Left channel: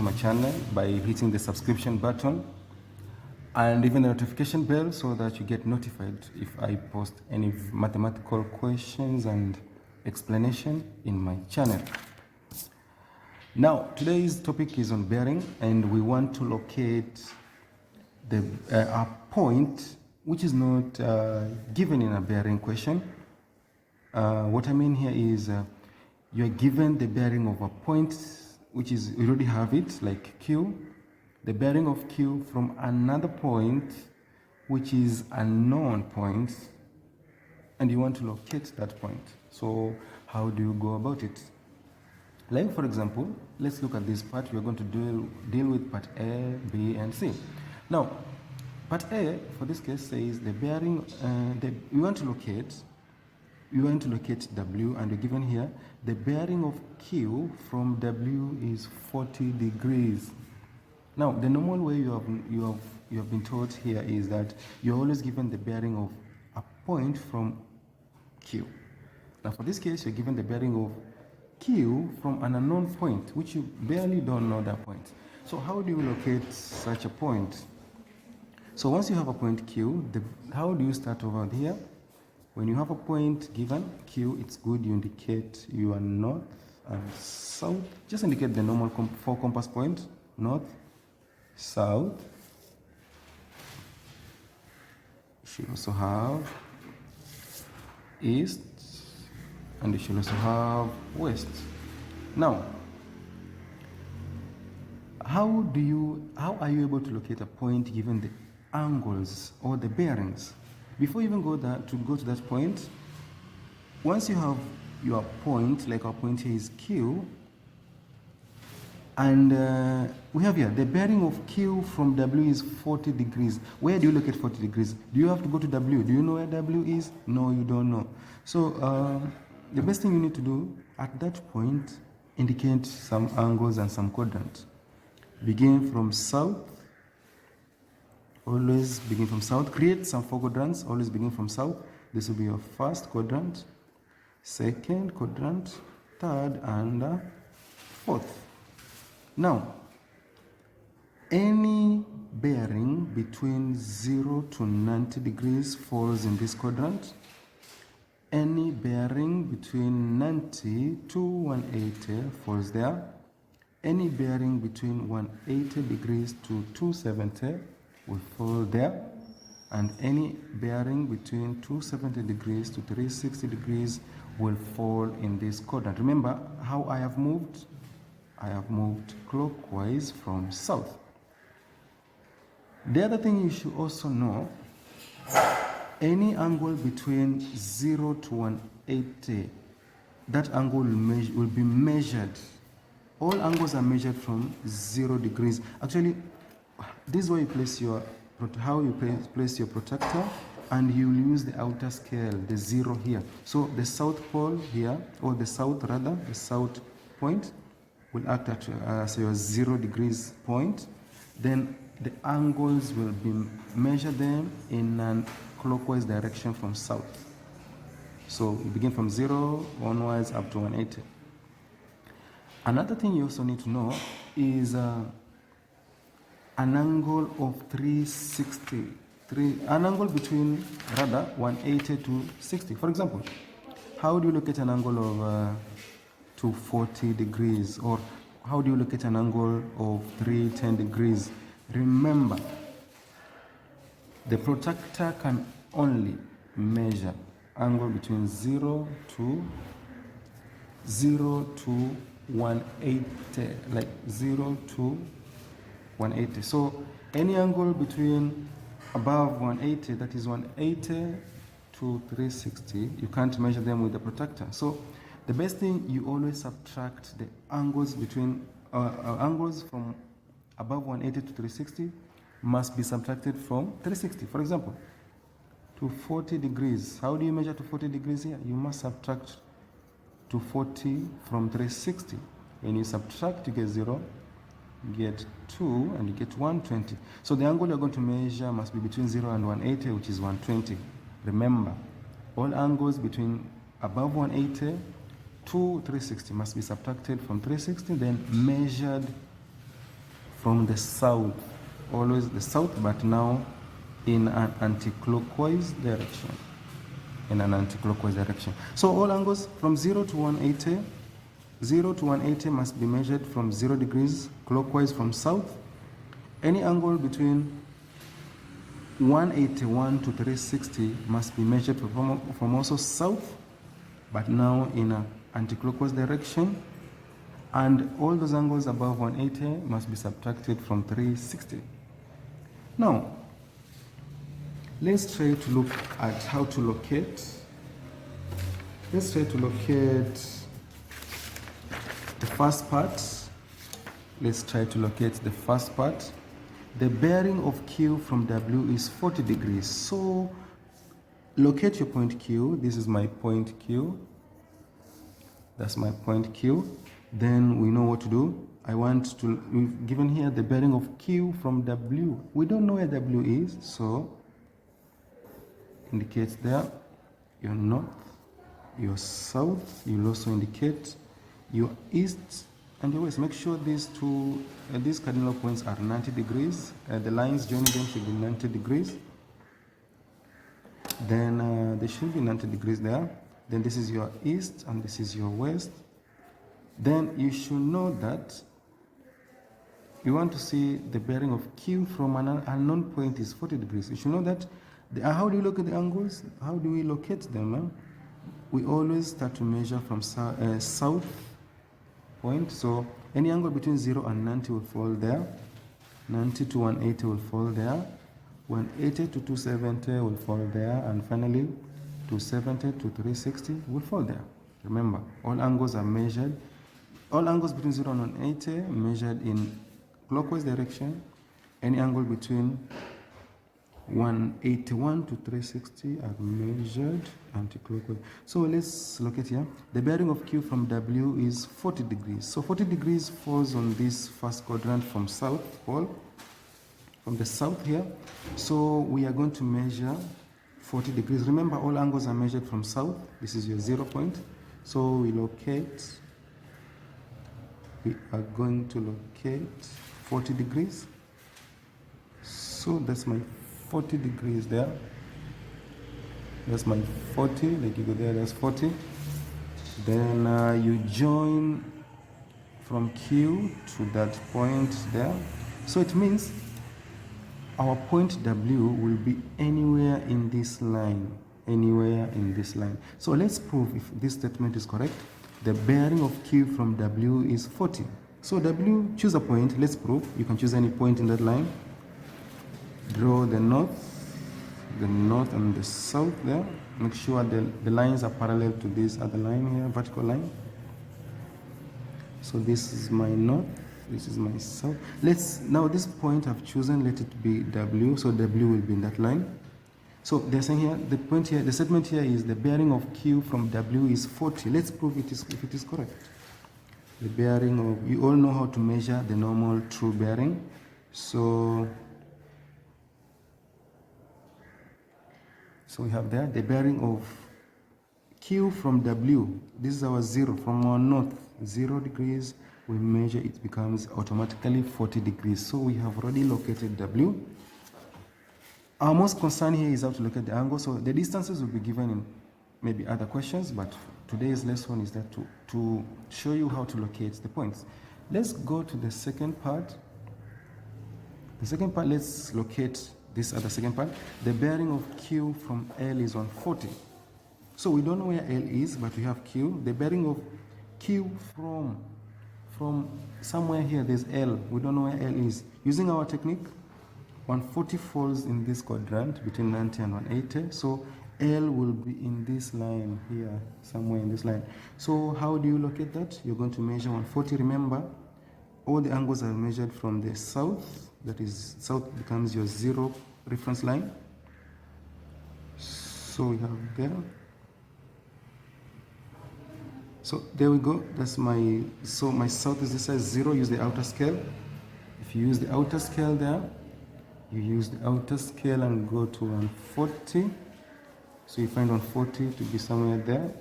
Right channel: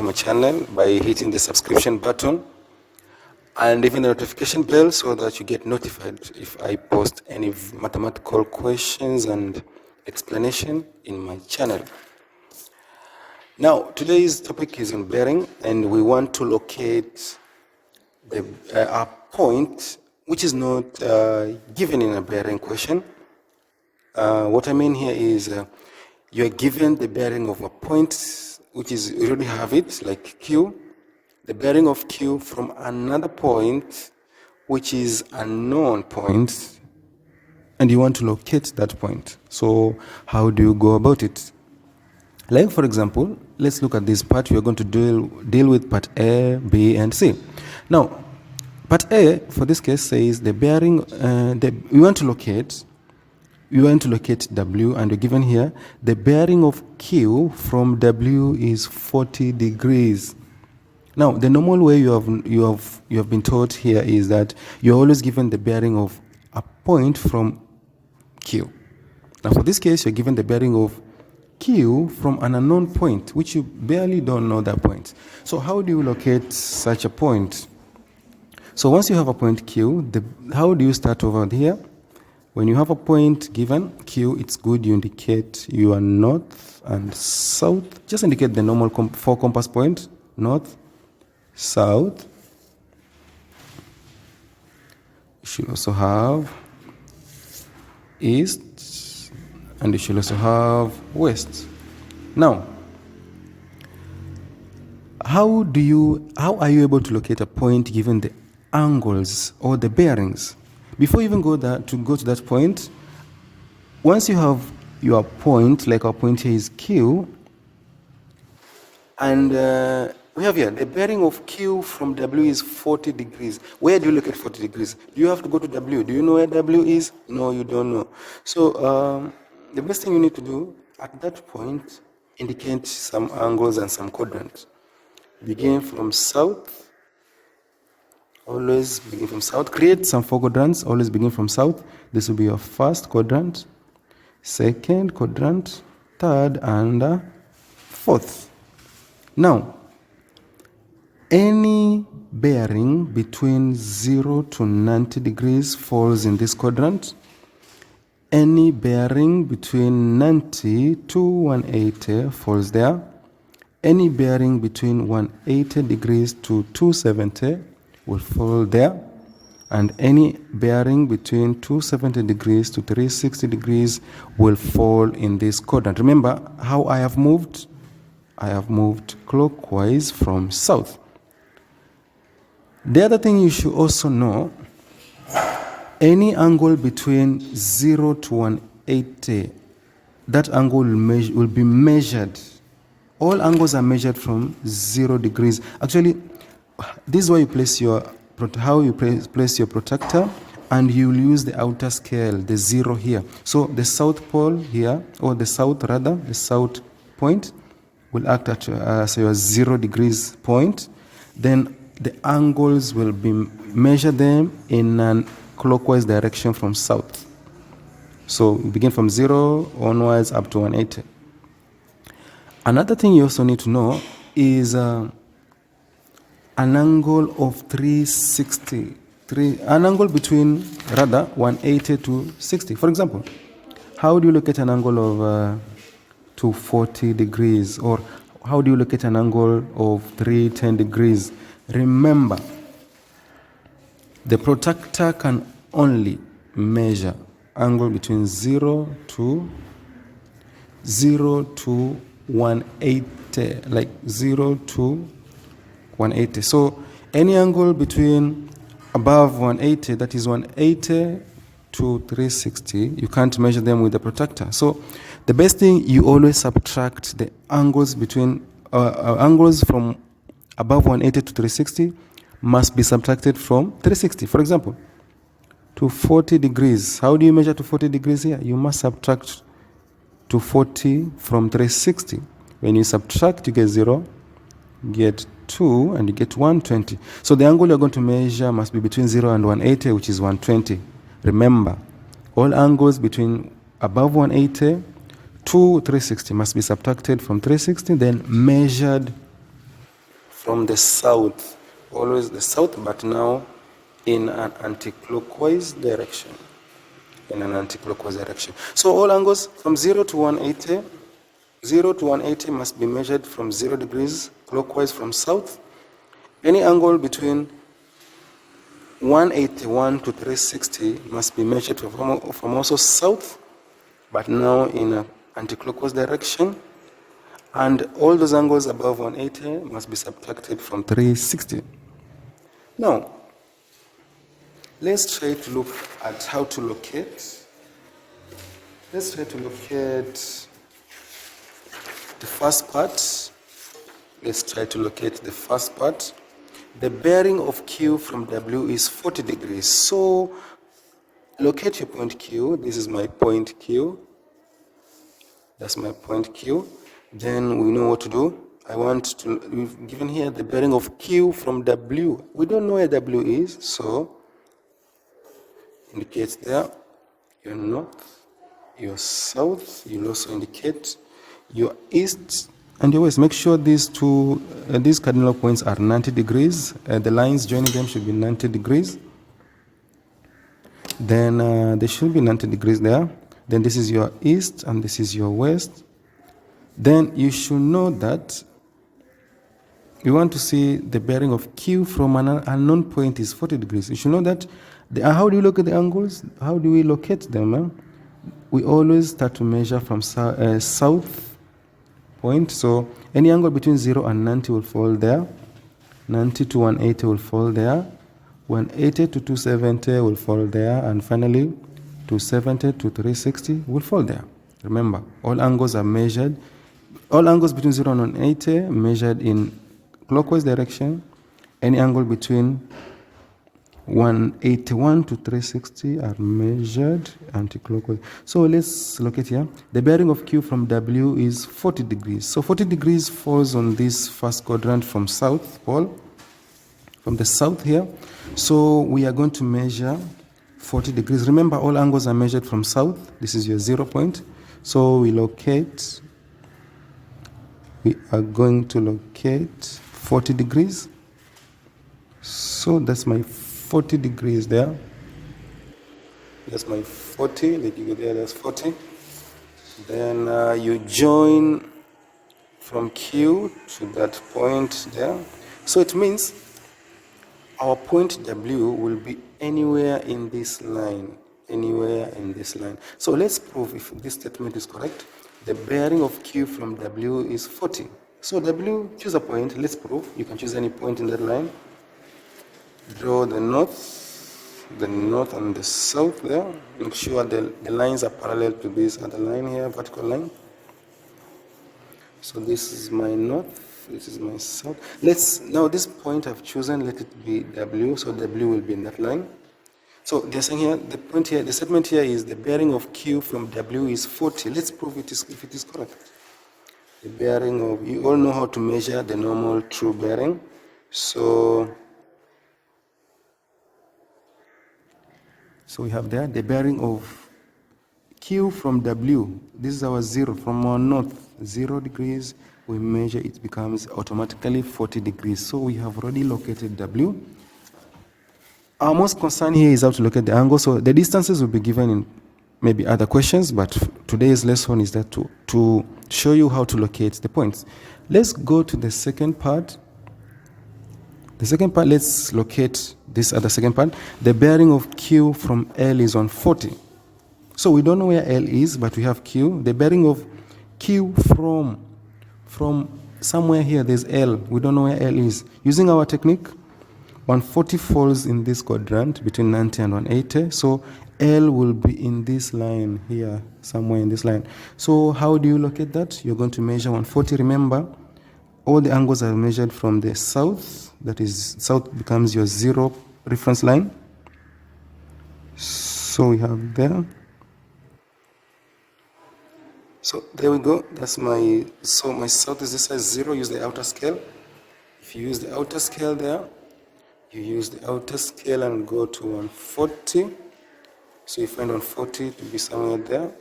to my channel by hitting the subscription button and even the notification bell so that you get notified if I post any mathematical questions and explanation in my channel. Now, today's topic is on bearing, and we want to locate a point which is not given in a bearing question. What I mean here is you are given the bearing of a point which is, you already have it, like Q, the bearing of Q from another point which is a known point, and you want to locate that point. So how do you go about it? Like, for example, let's look at this part. We are going to deal with part A, B, and C. Now, part A, for this case, says the bearing, we want to locate W, and we're given here the bearing of Q from W is 40 degrees. Now, the normal way you have been taught here is that you're always given the bearing of a point from Q. Now, for this case, you're given the bearing of Q from an unknown point, which you barely don't know that point. So how do you locate such a point? So once you have a point Q, how do you start over here? When you have a point given, Q, it's good you indicate your north and south. Just indicate the normal 4 compass points, north, south. You should also have east, and you should also have west. Now, how are you able to locate a point given the angles or the bearings? Before you even go to that point, once you have your point, like our point here is Q, and we have here the bearing of Q from W is 40 degrees. Where do you locate 40 degrees? Do you have to go to W? Do you know where W is? No, you don't know. So the best thing you need to do at that point, indicate some angles and some quadrants. Begin from south. Always begin from south. Create some 4 quadrants. Always begin from south. This will be your first quadrant, second quadrant, third, and fourth. Now, any bearing between 0 to 90 degrees falls in this quadrant. Any bearing between 90 to 180 falls there. Any bearing between 180 degrees to 270 will fall there, and any bearing between 270 degrees to 360 degrees will fall in this quadrant. Remember how I have moved? I have moved clockwise from south. The other thing you should also know, any angle between 0 to 180, that angle will be measured. All angles are measured from 0 degrees. Actually, this is where you place your protractor, and you will use the outer scale, the 0 here. So the south pole here, or the south point will act as your 0 degrees point. Then the angles will be measured them in a clockwise direction from south. So we begin from 0 onwards up to 180. Another thing you also need to know is an angle of 360, an angle between 180 to 60. For example, how do you locate an angle of 240 degrees, or how do you locate an angle of 310 degrees? Remember, the protractor can only measure angle between 0 to 180, like 0 to 180. So any angle between above 180, that is 180 to 360, you can't measure them with the protractor. So the best thing, you always subtract the angles between angles from above 180 to 360 must be subtracted from 360. For example, to 40 degrees. How do you measure to 40 degrees here? You must subtract to 40 from 360. When you subtract, you get 0, get 2, and you get 120. So the angle you're going to measure must be between 0 and 180, which is 120. Remember, all angles between above 180 to 360 must be subtracted from 360, then measured from the south, always the south, but now in an anti-clockwise direction. In an anti-clockwise direction. So all angles from 0 to 180, 0 to 180 must be measured from 0 degrees clockwise from south. Any angle between 181 to 360 must be measured from also south, but now in an anti-clockwise direction. And all those angles above 180 must be subtracted from 360. Now, let's try to look at how to locate. Let's try to locate the first part. Let's try to locate the first part. The bearing of Q from W is 40 degrees. So locate your point Q. This is my point Q. That's my point Q. Then we know what to do. We've given here the bearing of Q from W. We don't know where W is, so indicate there your north, your south. You'll also indicate your east and your west. Make sure these cardinal points are 90 degrees. The lines joining them should be 90 degrees. Then there should be 90 degrees there. Then this is your east and this is your west. Then you should know that we want to see the bearing of Q from an unknown point is 40 degrees. You should know that. How do you look at the angles? How do we locate them? We always start to measure from south point. So any angle between 0 and 90 will fall there. 90 to 180 will fall there. 180 to 270 will fall there. And finally, 270 to 360 will fall there. Remember, all angles are measured. All angles between 0 and 180 measured in clockwise direction. Any angle between 181 to 360 are measured anti-clockwise. So let's locate here. The bearing of Q from W is 40 degrees. So 40 degrees falls on this first quadrant from south pole, from the south here. So we are going to measure 40 degrees. Remember, all angles are measured from south. This is your 0 point. So we are going to locate 40 degrees. So that's my 40 degrees there. That's my 40. They give you there, that's 40. Then you join from Q to that point there. So it means our point W will be anywhere in this line. Anywhere in this line. So let's prove if this statement is correct. The bearing of Q from W is 40. So W, choose a point. Let's prove. You can choose any point in that line. Draw the north and the south there. Make sure the lines are parallel to this other line here, vertical line. So this is my north, this is my south. Now this point I've chosen, let it be W, so W will be in that line. So they're saying here, the statement here is the bearing of Q from W is 40. Let's prove if it is correct. The bearing of, you all know how to measure the normal true bearing. So we have there the bearing of Q from W. This is our 0 from our north, 0 degrees. We measure, it becomes automatically 40 degrees. So we have already located W. Our most concern here is how to locate the angle. So the distances will be given in maybe other questions, but today's lesson is that to show you how to locate the points. Let's go to the second part. The second part, let's locate this other second part. The bearing of Q from L is on 40. So we don't know where L is, but we have Q. The bearing of Q from somewhere here, there's L. We don't know where L is. Using our technique, 140 falls in this quadrant between 90 and 180. So L will be in this line here, somewhere in this line. So how do you locate that? You're going to measure 140. Remember, all the angles are measured from the south. That is, south becomes your 0 reference line. So we have there. So there we go. That's my south is this size 0. Use the outer scale. If you use the outer scale there, you use the outer scale and go to 140. So you find 140 to be somewhere there.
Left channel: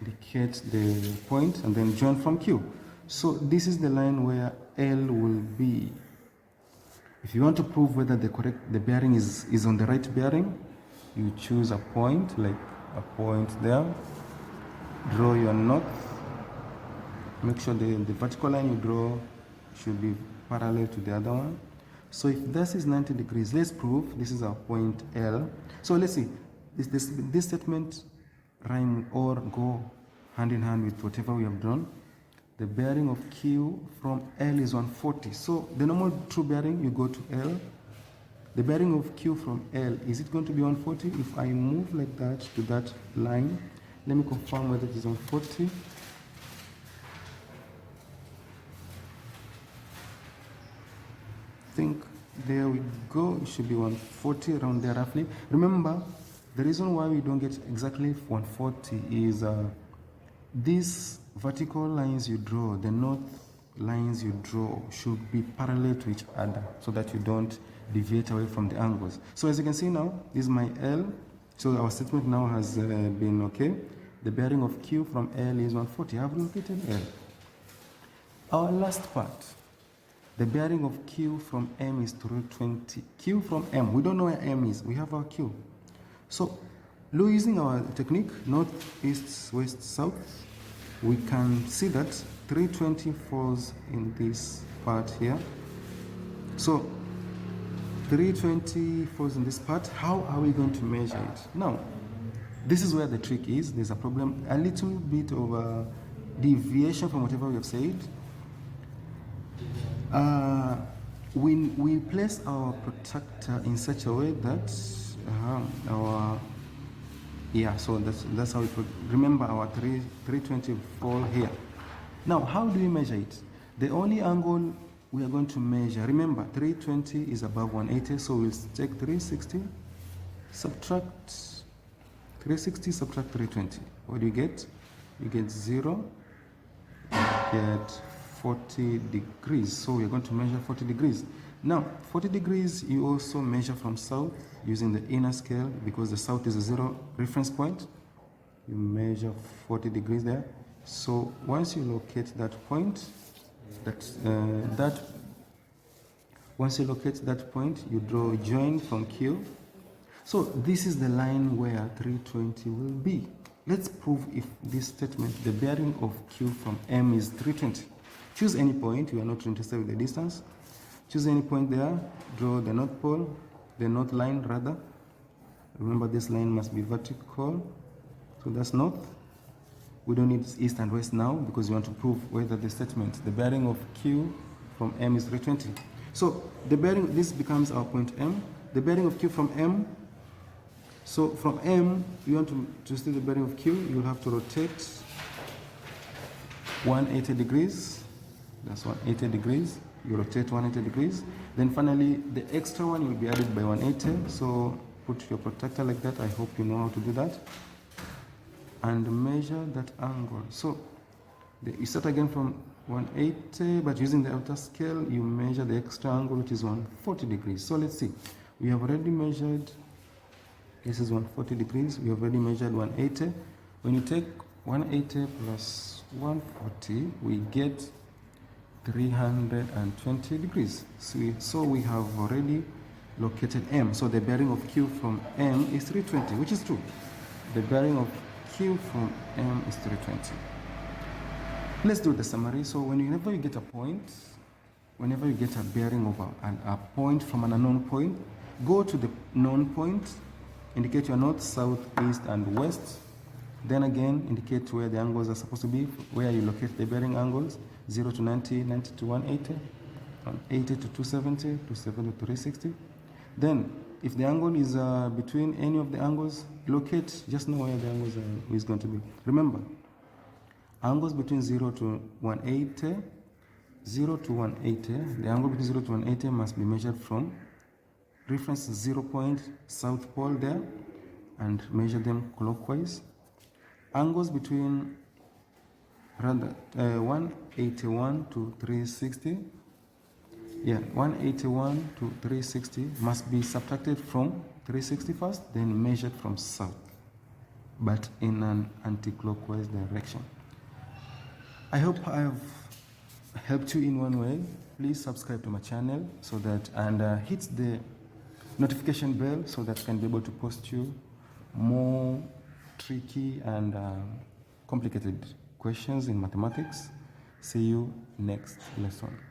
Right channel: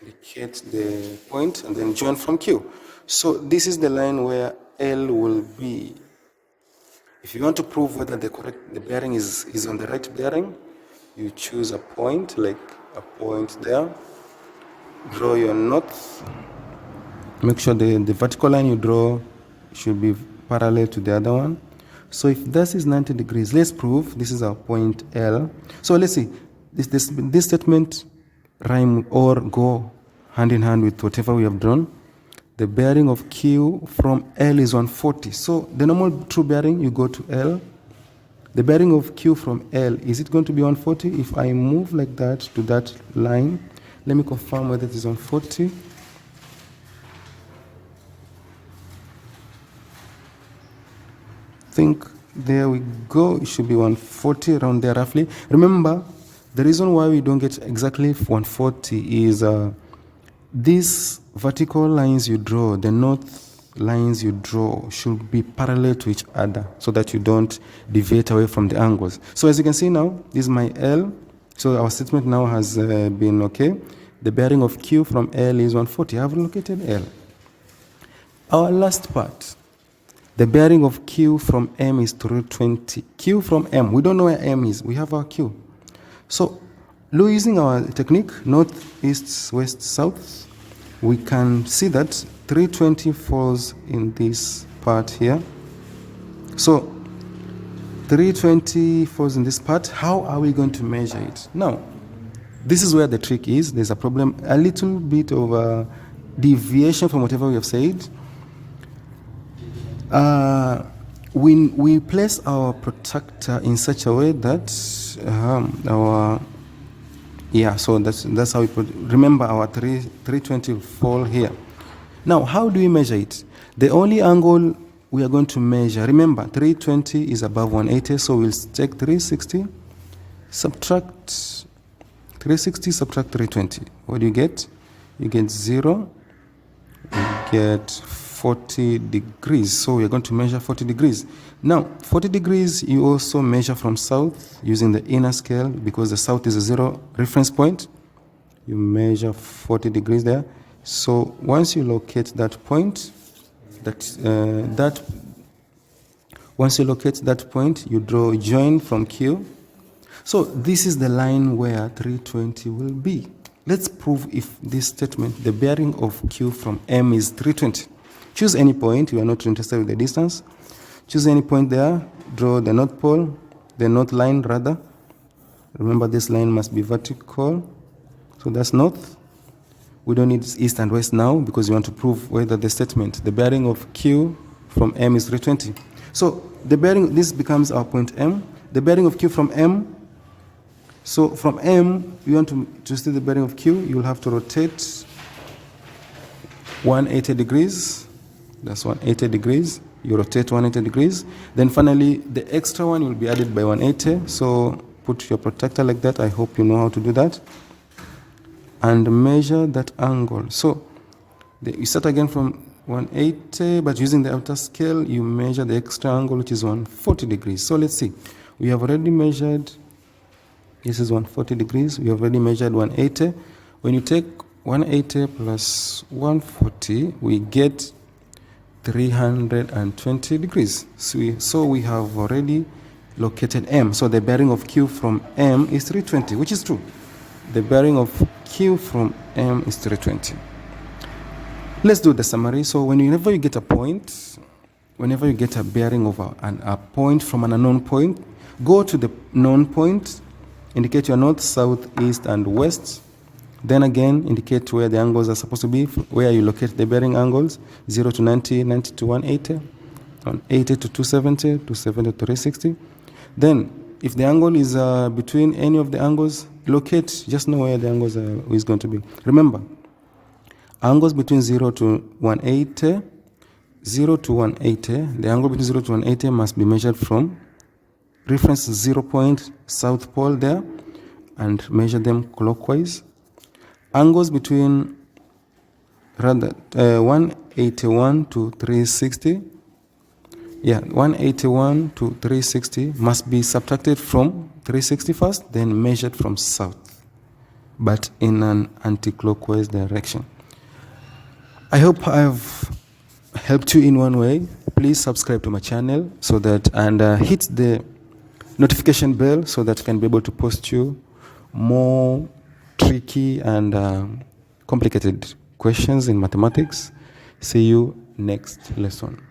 Indicate the point and then join from Q. So this is the line where L will be. If you want to prove whether the bearing is on the right bearing, you choose a point, like a point there. Draw your north. Make sure the vertical line you draw should be parallel to the other one. So if this is 90 degrees, let's prove this is our point L. So let's see, this statement rhyme or go hand in hand with whatever we have drawn. The bearing of Q from L is 140. So the normal true bearing, you go to L. The bearing of Q from L, is it going to be 140? If I move like that to that line, let me confirm whether it is 140. Think there we go, it should be 140 around there roughly. Remember, the reason why we don't get exactly 140 is these vertical lines you draw, the north lines you draw should be parallel to each other so that you don't deviate away from the angles. So as you can see now, this is my L. So our statement now has been okay. The bearing of Q from L is 140. I have located L. Our last part. The bearing of Q from M is 320. Q from M, we don't know where M is. We have our Q. So using our technique, north, east, west, south, we can see that 320 falls in this part here. So 320 falls in this part. How are we going to measure it? Now, this is where the trick is. There's a problem, a little bit of deviation from whatever we have said. We place our protractor in such a way that so that's how we put. Remember, our 320 will fall here. Now, how do we measure it? The only angle we are going to measure, remember, 320 is above 180, so we'll take 360, subtract 320. What do you get? You get 0, you get 40 degrees. So we're going to measure 40 degrees. Now, 40 degrees, you also measure from south using the inner scale because the south is a 0 reference point. You measure 40 degrees there. So once you locate that point, you draw a join from Q. So this is the line where 320 will be. Let's prove if this statement, the bearing of Q from M is 320. Choose any point, you are not interested with the distance. Choose any point there, draw the north pole, the north line rather. Remember, this line must be vertical, so that's north. We don't need east and west now because we want to prove whether the statement, the bearing of Q from M is 320. So the bearing, this becomes our point M. The bearing of Q from M, so from M, you want to see the bearing of Q, you will have to rotate 180 degrees. That's 180 degrees. You rotate 180 degrees. Then finally, the extra one will be added by 180. So put your protractor like that. I hope you know how to do that. And measure that angle. So you start again from 180, but using the outer scale, you measure the extra angle, which is 140 degrees. So let's see. We have already measured, this is 140 degrees. We have already measured 180. When you take 180 plus 140, we get 320 degrees. So we have already located M. So the bearing of Q from M is 320, which is true. The bearing of Q from M is 320. Let's do the summary. So whenever you get a point, whenever you get a bearing of a point from an unknown point, go to the known point, indicate your north, south, east, and west. Then again, indicate where the angles are supposed to be, where you locate the bearing angles, 0 to 90, 90 to 180, 180 to 270, 270 to 360. Then, if the angle is between any of the angles, locate, just know where the angles is going to be. Remember, angles between 0 to 180, the angle between 0 to 180 must be measured from reference 0 point, south pole there, and measure them clockwise. Angles between 181 to 360, 181 to 360 must be subtracted from 360 first, then measured from south, but in an anti-clockwise direction. I hope I've helped you in one way. please subscribe to my channel so that, and hit the notification bell so that I can be able to post you more tricky and complicated questions in mathematics. See you next lesson.